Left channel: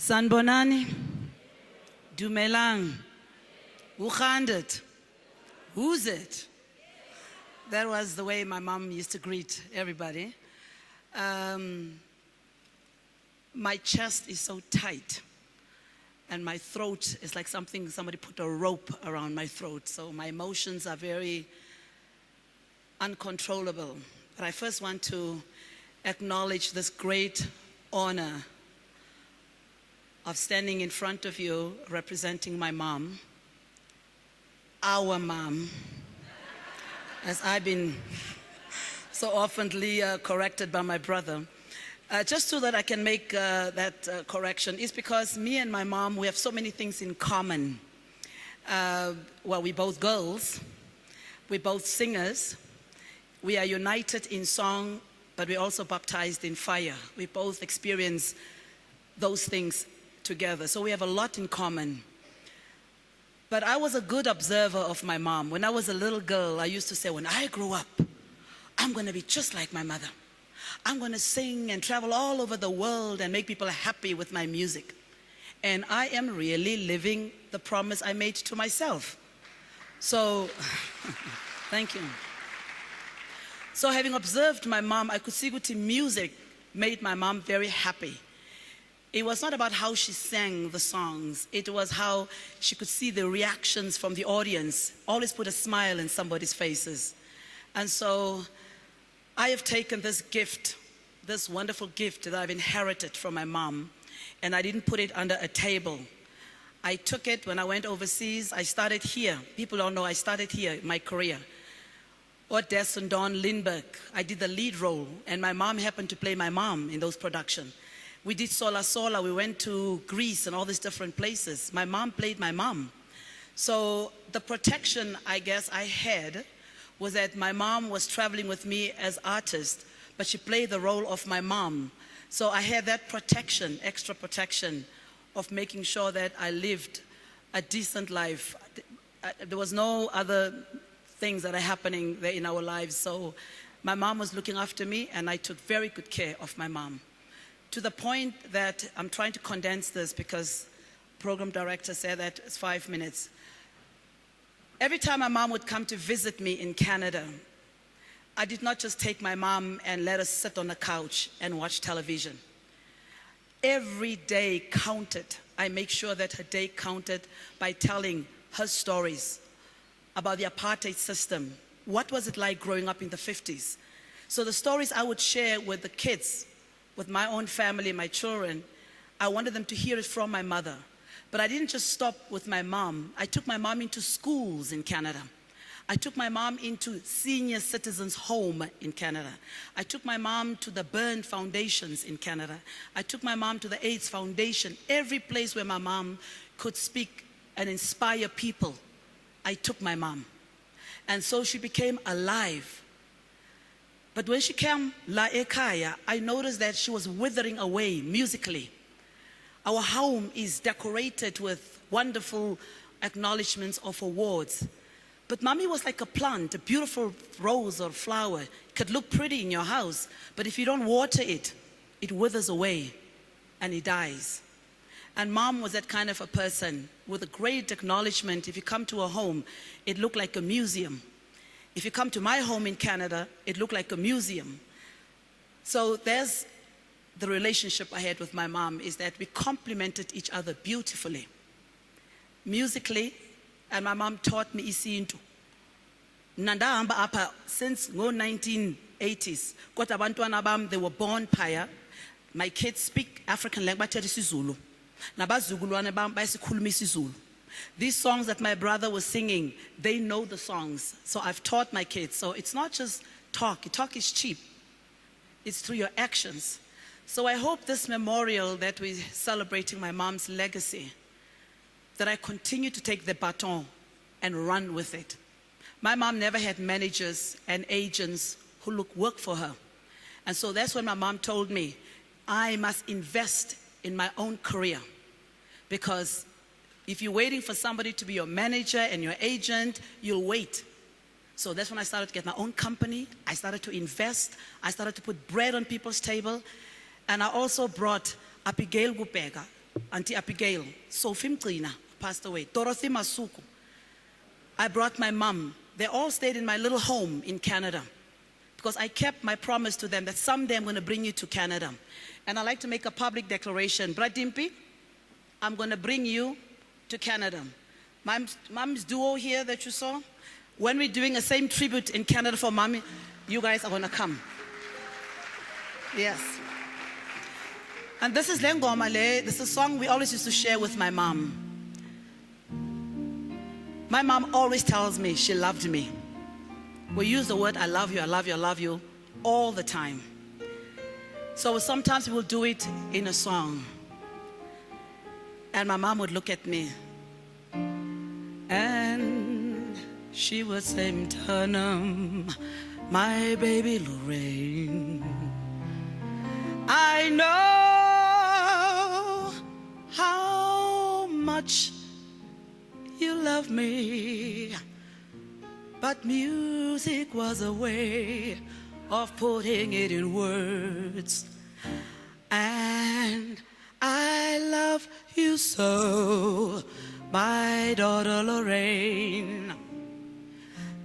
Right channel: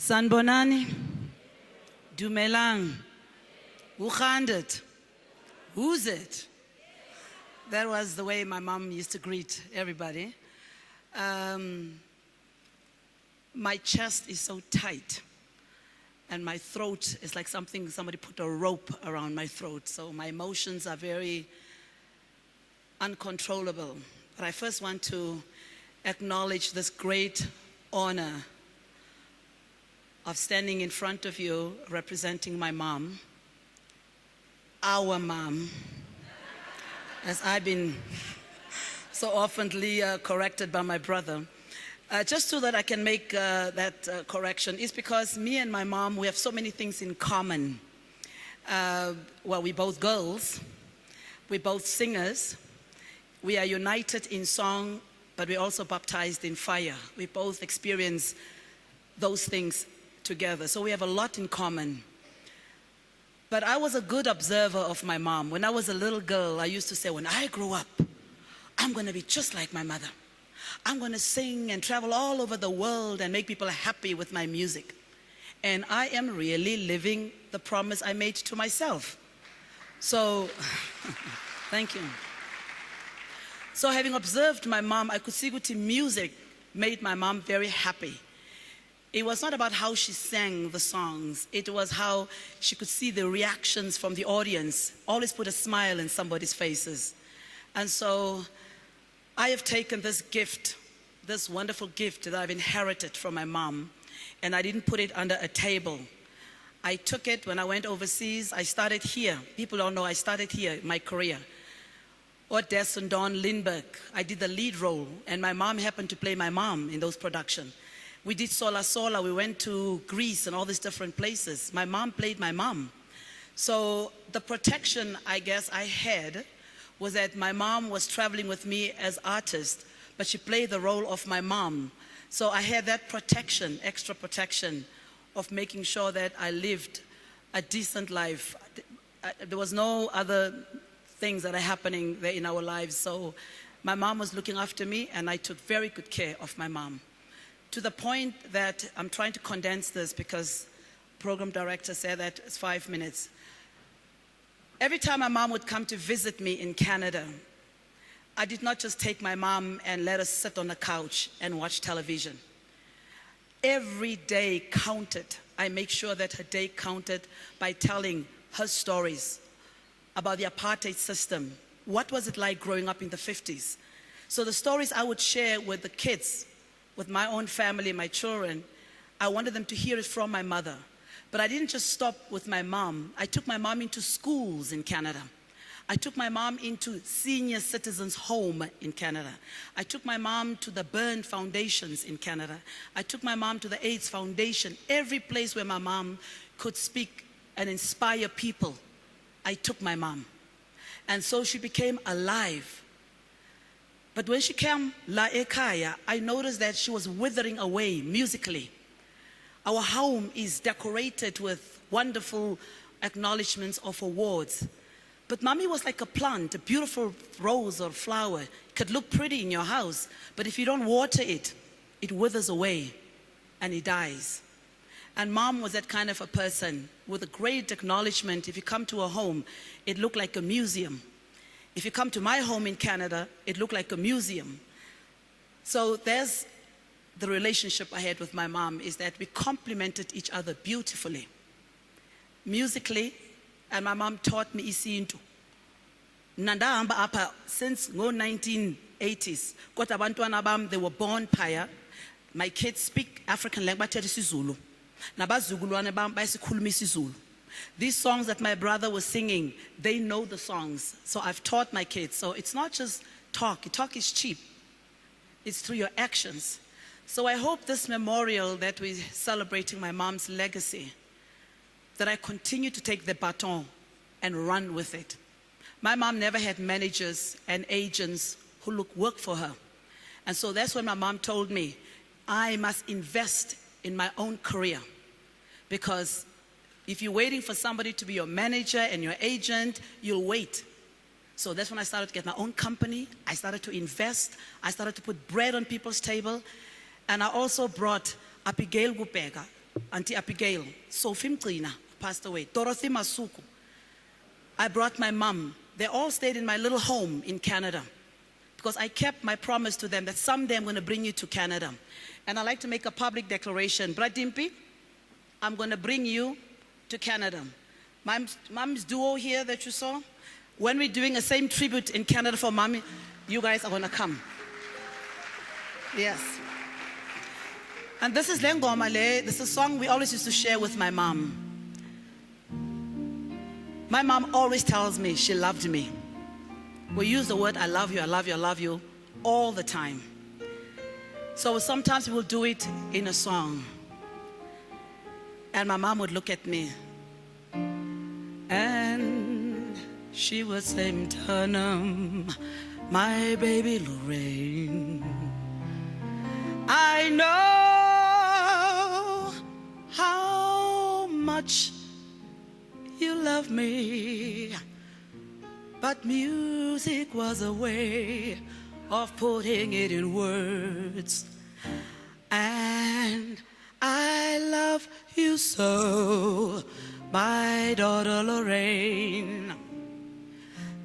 Sanbonani, Dumelang, Ukhandet, who's it? That was the way my mom used to greet everybody. My chest is so tight and my throat is like somebody put a rope around my throat. So my emotions are very uncontrollable. But I first want to acknowledge this great honor of standing in front of you representing my mom, our mom, as I've been so oftenly corrected by my brother. Just so that I can make that correction is because me and my mom, we have so many things in common. Well, we're both girls, we're both singers, we are united in song, but we're also baptized in fire. We both experience those things together, so we have a lot in common. But I was a good observer of my mom. When I was a little girl, I used to say, when I grow up, I'm going to be just like my mother. I'm going to sing and travel all over the world and make people happy with my music. And I am really living the promise I made to myself. So, thank you. So having observed my mom, I could see that music made my mom very happy. It was not about how she sang the songs. It was how she could see the reactions from the audience. Always put a smile in somebody's faces. And so I have taken this gift, this wonderful gift that I've inherited from my mom, and I didn't put it under a table. I took it when I went overseas. I started here. People don't know I started here, my career. Odes and Don Lindbergh, I did the lead role, and my mom happened to play my mom in those productions. We did Sola Sola, we went to Greece and all these different places. My mom played my mom. So the protection I guess I had was that my mom was traveling with me as artist, but she played the role of my mom. So I had that protection, extra protection of making sure that I lived a decent life. There was no other things that are happening there in our lives. So my mom was looking after me and I took very good care of my mom. To the point that I'm trying to condense this because program director said that it's 5 minutes. Every time my mom would come to visit me in Canada, I did not just take my mom and let her sit on the couch and watch television. Every day counted. I make sure that her day counted by telling her stories about the apartheid system. What was it like growing up in the 50s? So the stories I would share with the kids, with my own family, my children, I wanted them to hear it from my mother. But I didn't just stop with my mom. I took my mom into schools in Canada. I took my mom into senior citizens' home in Canada. I took my mom to the Burn Foundations in Canada. I took my mom to the AIDS Foundation. Every place where my mom could speak and inspire people, I took my mom. And so she became alive. But when she came La Ekaya, I noticed that she was withering away musically. Our home is decorated with wonderful acknowledgements of awards. But mommy was like a plant, a beautiful rose or flower. It could look pretty in your house, but if you don't water it, it withers away and it dies. And mom was that kind of a person with a great acknowledgement. If you come to her home, it looked like a museum. If you come to my home in Canada, it looked like a museum. So there's the relationship I had with my mom, is that we complemented each other beautifully. Musically, and my mom taught me isintu. Nandahamba apa since 1980s. Kodwa abantwana bam, they were born phaya. My kids speak African language, bathetha isiZulu. Nabazukulwane bam bayasikhuluma isiZulu. These songs that my brother was singing, they know the songs. So I've taught my kids. So it's not just talk. Talk is cheap. It's through your actions. So I hope this memorial that we're celebrating my mom's legacy, that I continue to take the baton and run with it. My mom never had managers and agents who work for her. And so that's when my mom told me, I must invest in my own career, because if you're waiting for somebody to be your manager and your agent, you'll wait. So that's when I started to get my own company. I started to invest. I started to put bread on people's table. And I also brought Abigail Gupega, Auntie Abigail, Sophie Mtrina, passed away, Dorothy Masuku. I brought my mom. They all stayed in my little home in Canada because I kept my promise to them that someday I'm going to bring you to Canada. And I'd like to make a public declaration. Bradimpi, I'm going to bring you to Canada. Mom's duo here that you saw, when we're doing the same tribute in Canada for Mommy, you guys are going to come. Yes. And this is Lengoma Le. This is a song we always used to share with my mom. My mom always tells me she loved me. We use the word I love you, I love you, I love you all the time. So sometimes we will do it in a song. And my mom would look at me. And she would say, Mtanam, my baby Lorraine, I know how much you love me, but music was a way of putting it in words. And I love you so, my daughter Lorraine.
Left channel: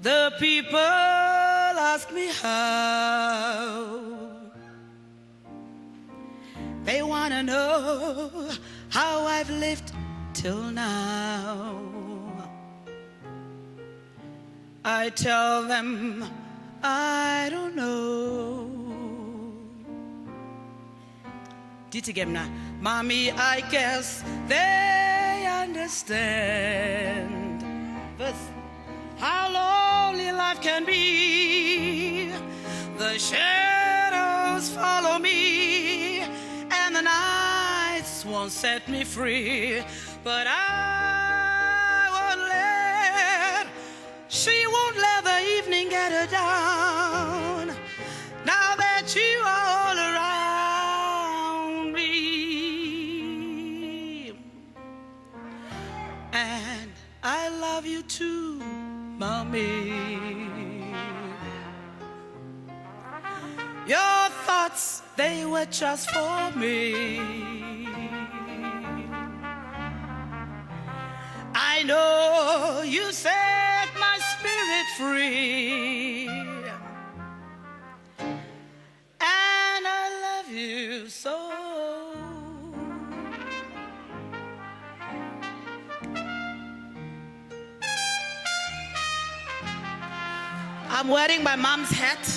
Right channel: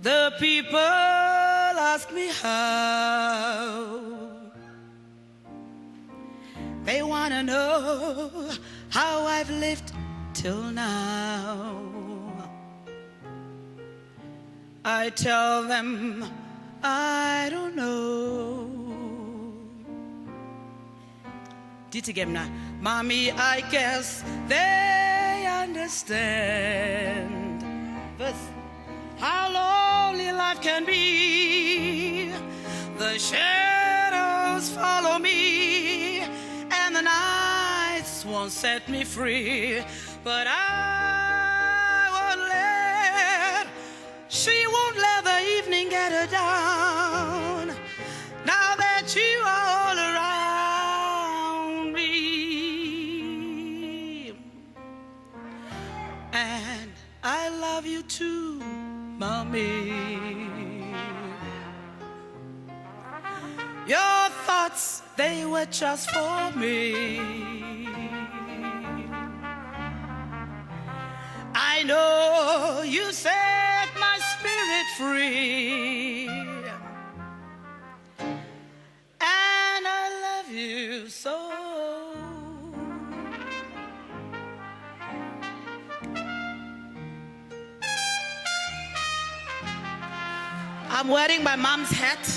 The people ask me how. They want to know how I've lived till now. I tell them I don't know. Ditigemna, Mommy, I guess they understand how lonely life can be. The shadows follow me, and the nights won't set me free. But she won't let the evening get her down. Now that you are all around me, and I love you too, Mommy. Your thoughts, they were just for me. I know you set my spirit free, and I love you so. I'm wearing my mom's hat.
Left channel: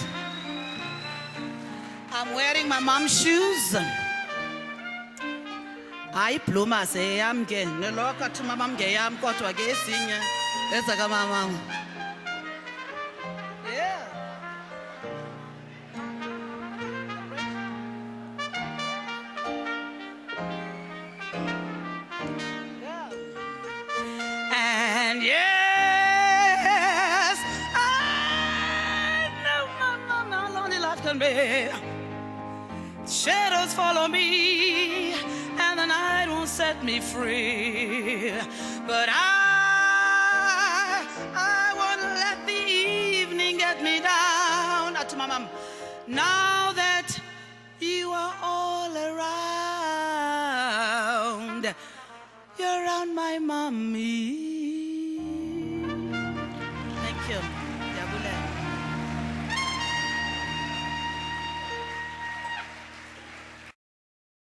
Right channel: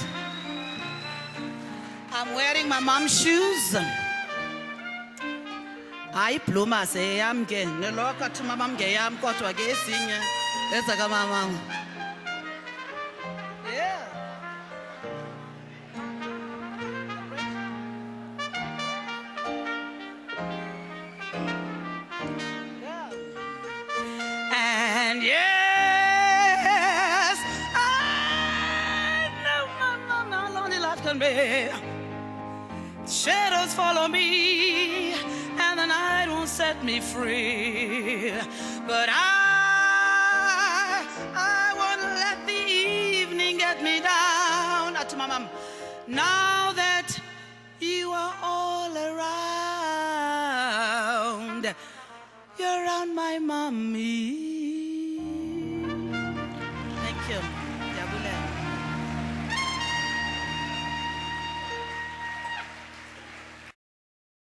I'm wearing my mom's shoes. I pluma say I'm getting the locker to my mom gay. I'm caught to a gay senior. That's a mama. Yeah. And yes, I know how lonely life can be. Shadows follow me, and the night won't set me free. But I won't let the evening get me down. To my mom, now that you are all around, you're around my mommy.